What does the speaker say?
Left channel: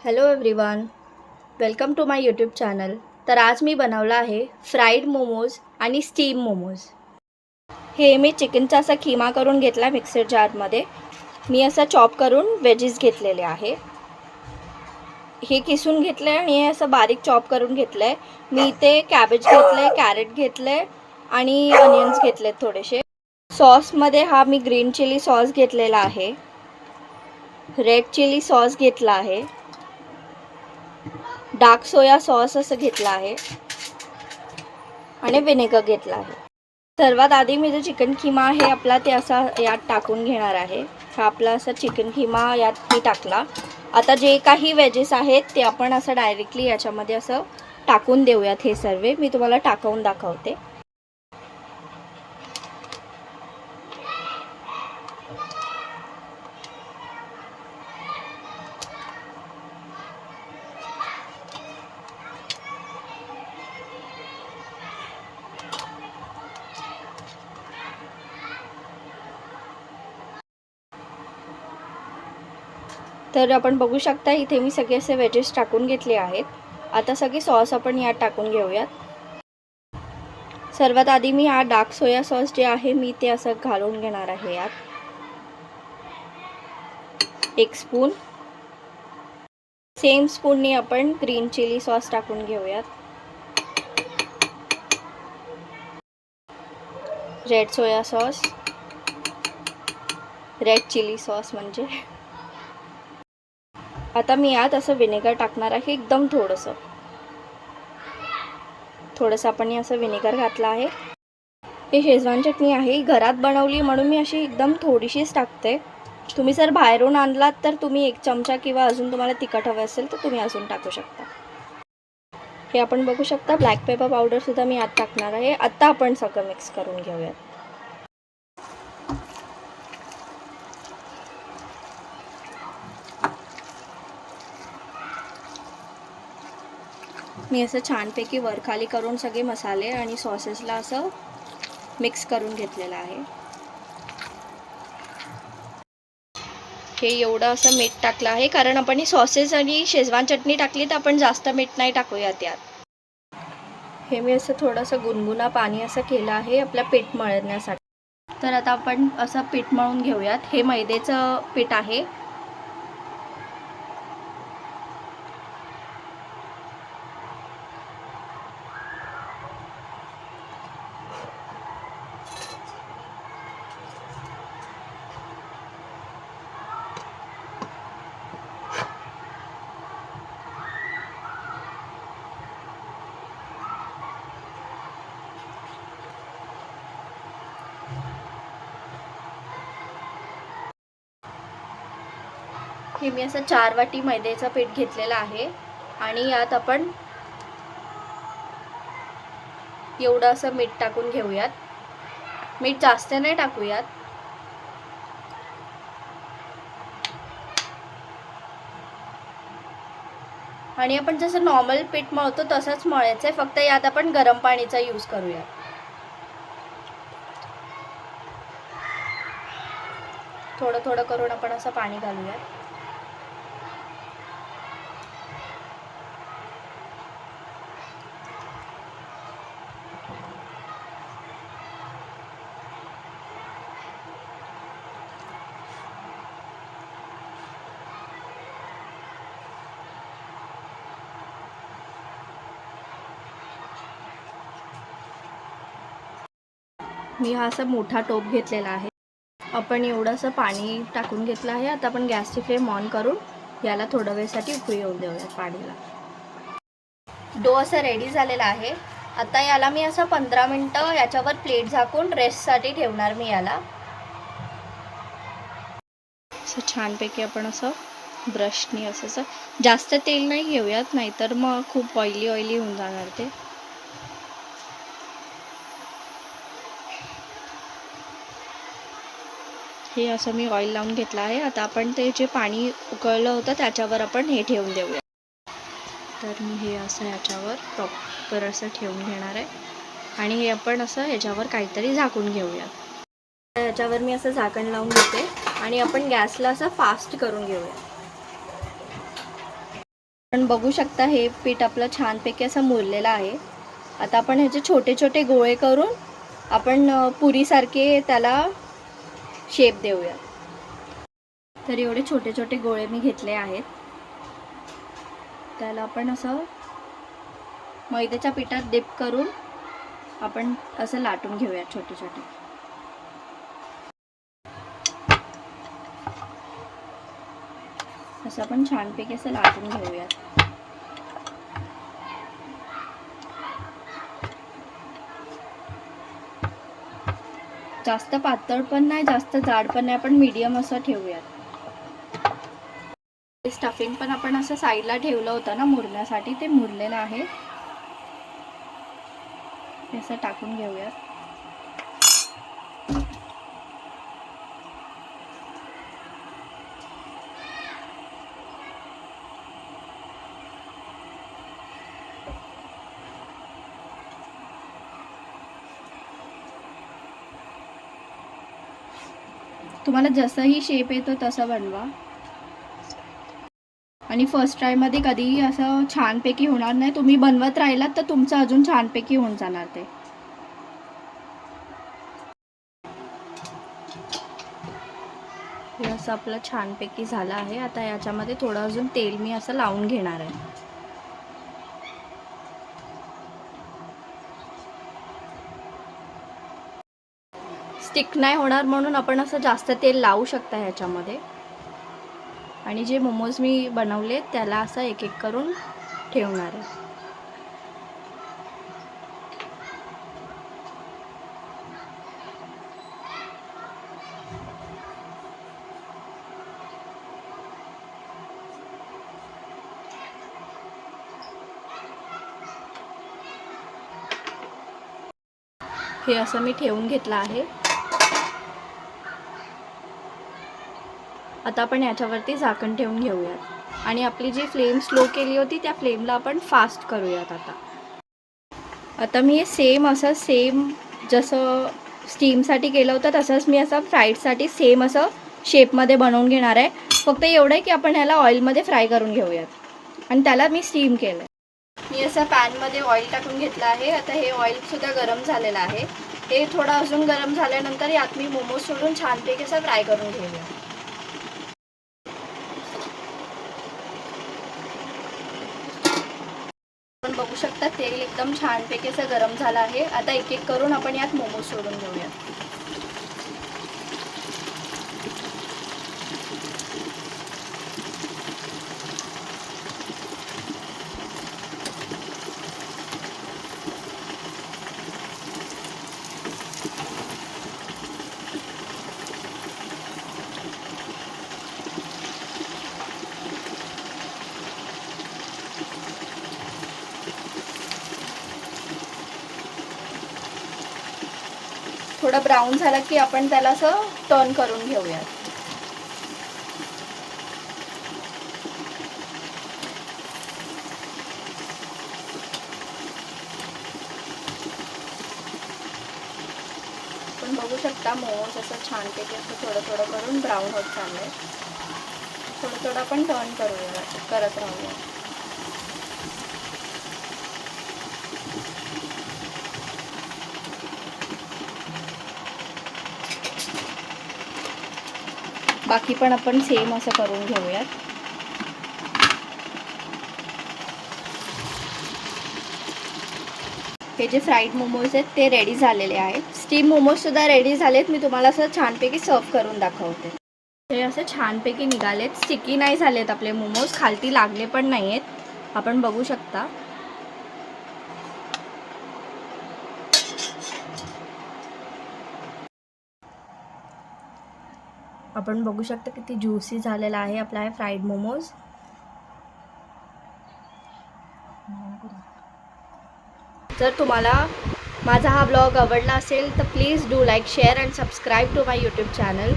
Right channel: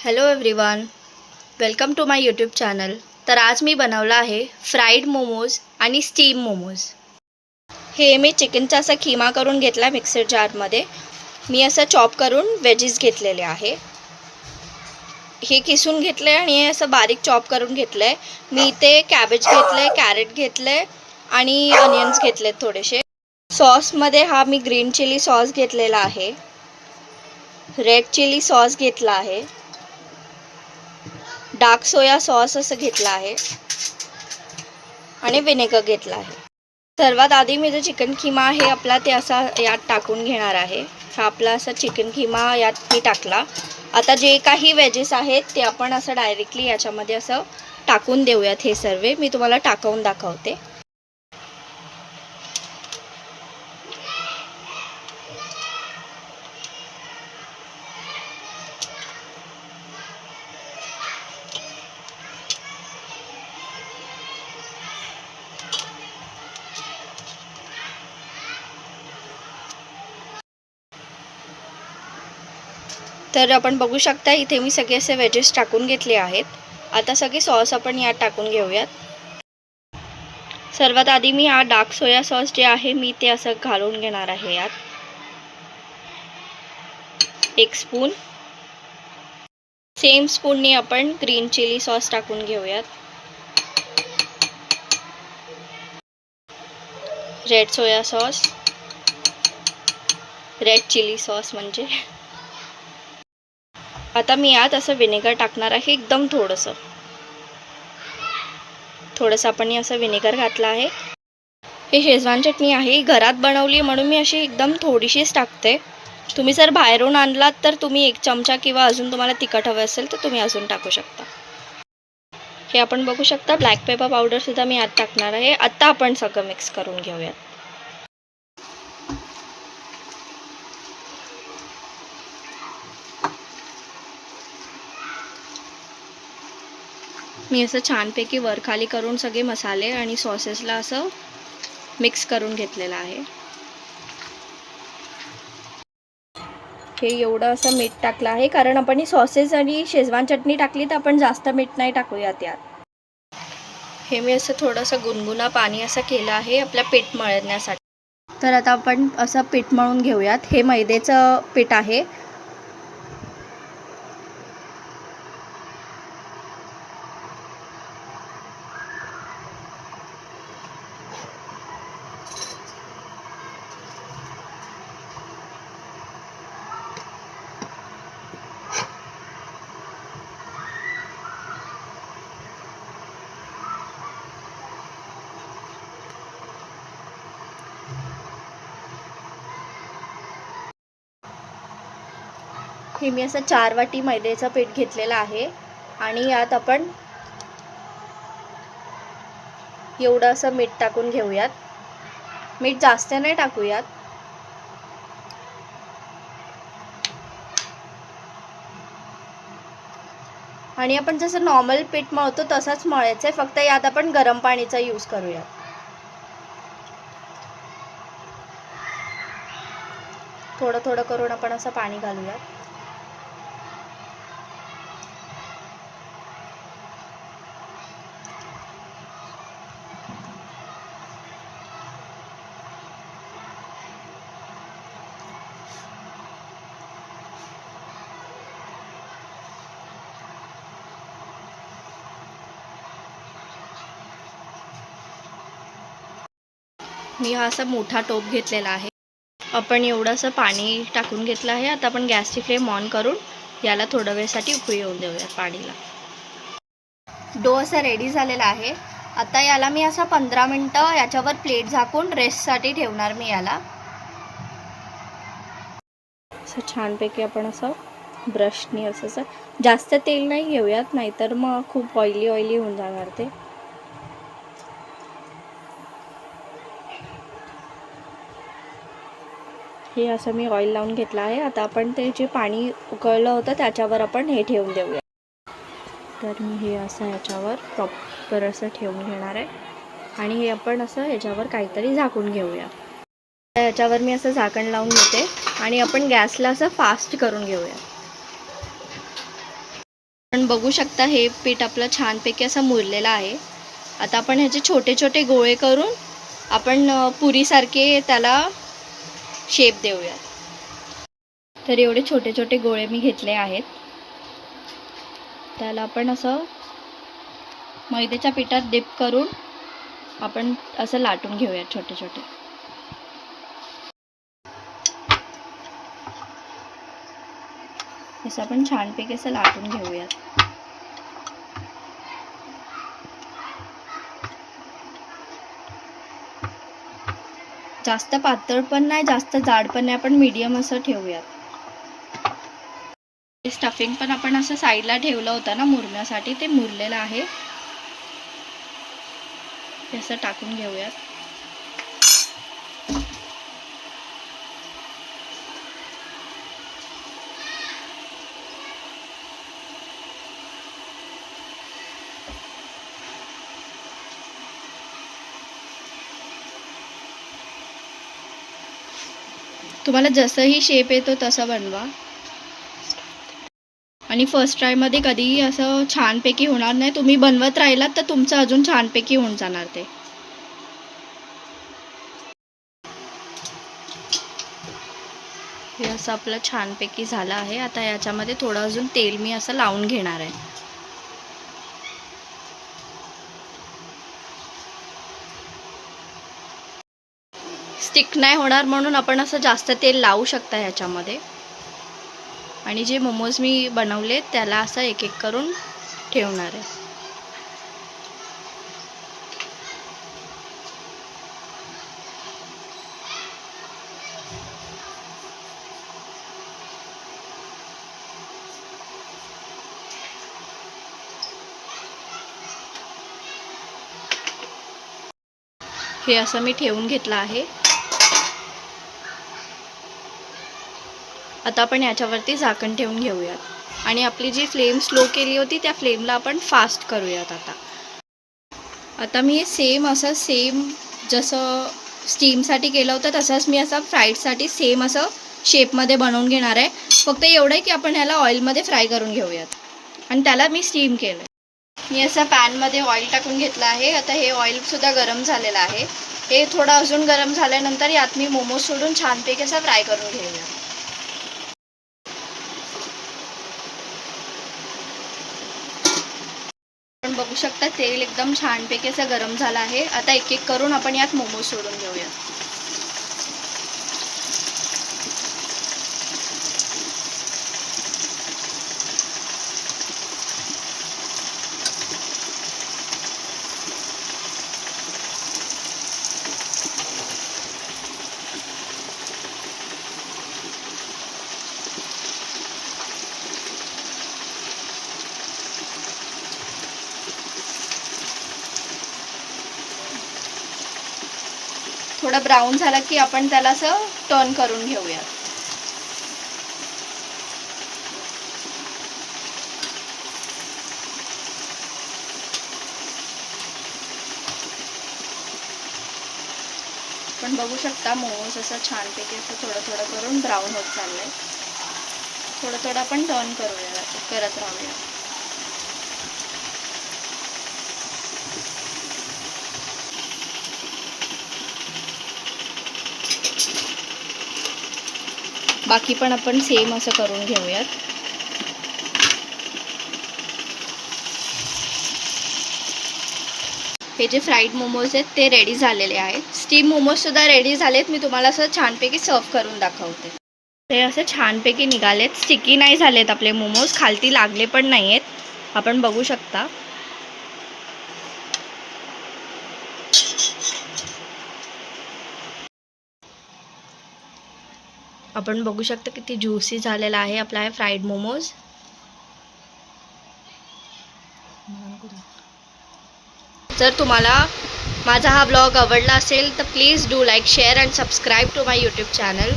Hello everyone, welcome to my YouTube channel. तर आज मी बनवला आहे फ्राईड मोमोज आणि स्टीम मोमोज. हे मी चिकनचा असा खिमा करून घेतला मिक्सर जारमध्ये. मी असं चॉप करून वेजेस घेतलेले आहे. हे किसून घेतलं आहे आणि हे असं बारीक चॉप करून घेतलं आहे. मी इथे कॅबेज घेतलं आहे, कॅरेट घेतलं आहे आणि अनियन्स घेतलेत थोडेसे. सॉसमध्ये हा मी ग्रीन चिली सॉस घेतलेला आहे, रेड चिली सॉस घेतला आहे, डार्क सोया सॉस असं घेतला आहे आणि विनेगर घेतला आहे. सर्वात आधी मी जो चिकन खिमा आहे आपला ते असा यात टाकून घेणार आहे. हा आपला असा चिकन खिमा यात मी टाकला. आता जे काही वेजेस आहेत ते आपण असं डायरेक्टली याच्यामध्ये असं टाकून देऊयात. हे सर्व मी तुम्हाला टाकवून दाखवते. तर आपण बघू शकता इथे मी सगळे असे वेजेस टाकून घेतले आहेत. आता सगळे सॉस आपण यात टाकून घेऊयात. सर्वात आधी मी हा डार्क सोया सॉस जे आहे मी ते असं घालून घेणार आहे यात. 1 स्पून. सेम स्पूनने आपण ग्रीन चिली सॉस टाकून घेऊयात. Red soya sauce, red chilli sauce म्हणजे. आता मी यात असं विनेगर टाकणार आहे, एकदम थोडंसं आपण असं विनेगर घातलं आहे. हे शेजवान चटणी आहे, घरात बनवली म्हणून मी अशी एकदम थोडीशीच टाकते. तुम्ही जर बाहेरून आणलात तर तुम्ही 1 चमचा किंवा अजून तुम्हाला तिखट हवं असेल तर तुम्ही अजून टाकू शकता. हे आपण बघू शकता ब्लॅक पेपर पावडरसुद्धा मी यात टाकणार आहे. आता आपण सगळं मिक्स करून घेऊयात. मी असं छानपैकी वरखाली करून सगळे मसाले आणि सॉसेसला असं मिक्स करून घेतलेलं आहे. हे एवढं असं मीठ टाकलं आहे कारण आपण ही सॉसेस आणि शेजवान चटणी टाकली तर आपण जास्त मीठ नाही टाकूयात यात. हे मी असं थोडंसं गुनगुना पाणी असं केलं आहे आपल्या पीठ मळण्यासाठी. तर आता आपण असं पीठ मळून घेऊयात. हे मैद्याचं पीठ आहे. हे मी असं 4 वाटी मैद्याचं पीठ घेतलेलं आहे आणि यात आपण एवढं असं मीठ टाकून घेऊयात. मीठ जास्त नाही टाकूयात. आणि आपण जसं नॉर्मल पीठ मळतो तसंच मळायचं आहे, फक्त यात आपण गरम पाणीचा यूज करूयात. थोडं करून आपण असं पाणी घालूयात. मी हा असा मोठा टोप घेतलेला आहे. आपण एवढंसं पाणी टाकून घेतलं आहे. आता आपण गॅसची फ्लेम ऑन करून याला थोड्या वेळसाठी उकळी येऊन देऊयात पाणीला. डो असा रेडी झालेला आहे. आता याला मी असं 15 मिनटं याच्यावर प्लेट झाकून रेस्टसाठी ठेवणार मी याला. असं छानपैकी आपण असं ब्रशनी असं जास्त तेल नाही घेऊयात, नाहीतर मग खूप ऑइली होऊन जाणार ते. हे असं मी ऑइल लावून घेतलं आहे. आता आपण ते जे पाणी उकळलं होतं त्याच्यावर आपण हे ठेवून देऊया. तर मी हे असं ह्याच्यावर प्रॉपर असं ठेवून घेणार आहे आणि हे आपण असं ह्याच्यावर काहीतरी झाकून घेऊया. ह्याच्यावर मी असं झाकण लावून घेते आणि आपण गॅसला असं फास्ट करून घेऊया. आपण बघू शकता हे पीठ आपलं छानपैकी असं मुरलेलं आहे. आता आपण ह्याचे छोटे छोटे गोळे करून आपण पुरीसारखे त्याला शेप देऊया. तर एवढे छोटे छोटे गोळे मी घेतले आहेत. त्याला आपण असं मैद्याच्या पिठात डिप करून आपण असं लाटून घेऊया छोटे छोटे. असं आपण छानपैकी असं लाटून घेऊयात. जास्त पातळ पण नाही, जास्त जाड पण नाही, आपण मीडियम असं ठेवूयात. स्टफिंग पण आपण असं साईडला ठेवलं होतं ना मुरण्यासाठी, ते मुरलेलं आहे. हे असं टाकून घेऊयात. तुम्हाला जसंही शेप येतो तसं बनवा. आणि फर्स्ट ट्रायमध्ये कधीही असं छानपैकी होणार नाही. तुम्ही बनवत राहिलात तर तुमचं अजून छानपैकी होऊन जाणार ते. हे असं आपलं छानपैकी झालं आहे. आता याच्यामध्ये थोडं अजून तेल मी असं लावून घेणार आहे. स्टिक नाही होणार म्हणून आपण असं जास्त तेल लावू शकता ह्याच्यामध्ये. आणि जे मोमोज मी बनवले त्याला असं एक एक करून ठेवणार आहे. हे असं मी ठेवून घेतलं आहे. आता आपण याच्यावरती झाकण ठेवून घेऊयात आणि आपली जी फ्लेम स्लो केली होती त्या फ्लेमला आपण फास्ट करूयात. आता मी सेम जसं स्टीमसाठी केलं होतं तसंच मी असं फ्राईडसाठी सेम असं शेपमध्ये बनवून घेणार आहे. फक्त एवढं आहे की आपण ह्याला ऑइलमध्ये फ्राय करून घेऊयात आणि त्याला मी स्टीम केलं. मी असं पॅनमध्ये ऑइल टाकून घेतलं आहे. आता हे ऑइलसुद्धा गरम झालेलं आहे. हे थोडं अजून गरम झाल्यानंतर यात मी मोमोज सोडून छानपैकी असं फ्राय करून घेऊया. आपण बघू शकता तेल एकदम छानपैकी असं गरम झालं आहे. आता एक एक करून आपण यात मोमोज सोडून घेऊया. थोडा ब्राऊन झाला की आपण त्याला असं टर्न करून घेऊयात. आपण बघू शकता मोमोज असं छानपैकी असं थोडं थोडं करून ब्राऊन होत चाललंय. थोडं थोडं आपण टर्न करत राहूया. बाकी पण आपण सेम असं करून घेऊयात. हे जे फ्राईड मोमोज आहेत ते रेडी झालेले आहेत. स्टीम मोमोजसुद्धा रेडी झालेत. मी तुम्हाला असं छानपैकी सर्व करून दाखवते. ते असे छानपैकी निघालेत. स्टिकी नाही झालेत आपले मोमोज, खालती लागले पण नाही आहेत. आपण बघू शकता. आपण बघू शकता किती ज्युसी झालेला आहे आपला हे फ्राईड मोमोज. जर तुम्हाला माझा हा ब्लॉग आवडला असेल तर please do like, share and subscribe to my YouTube channel.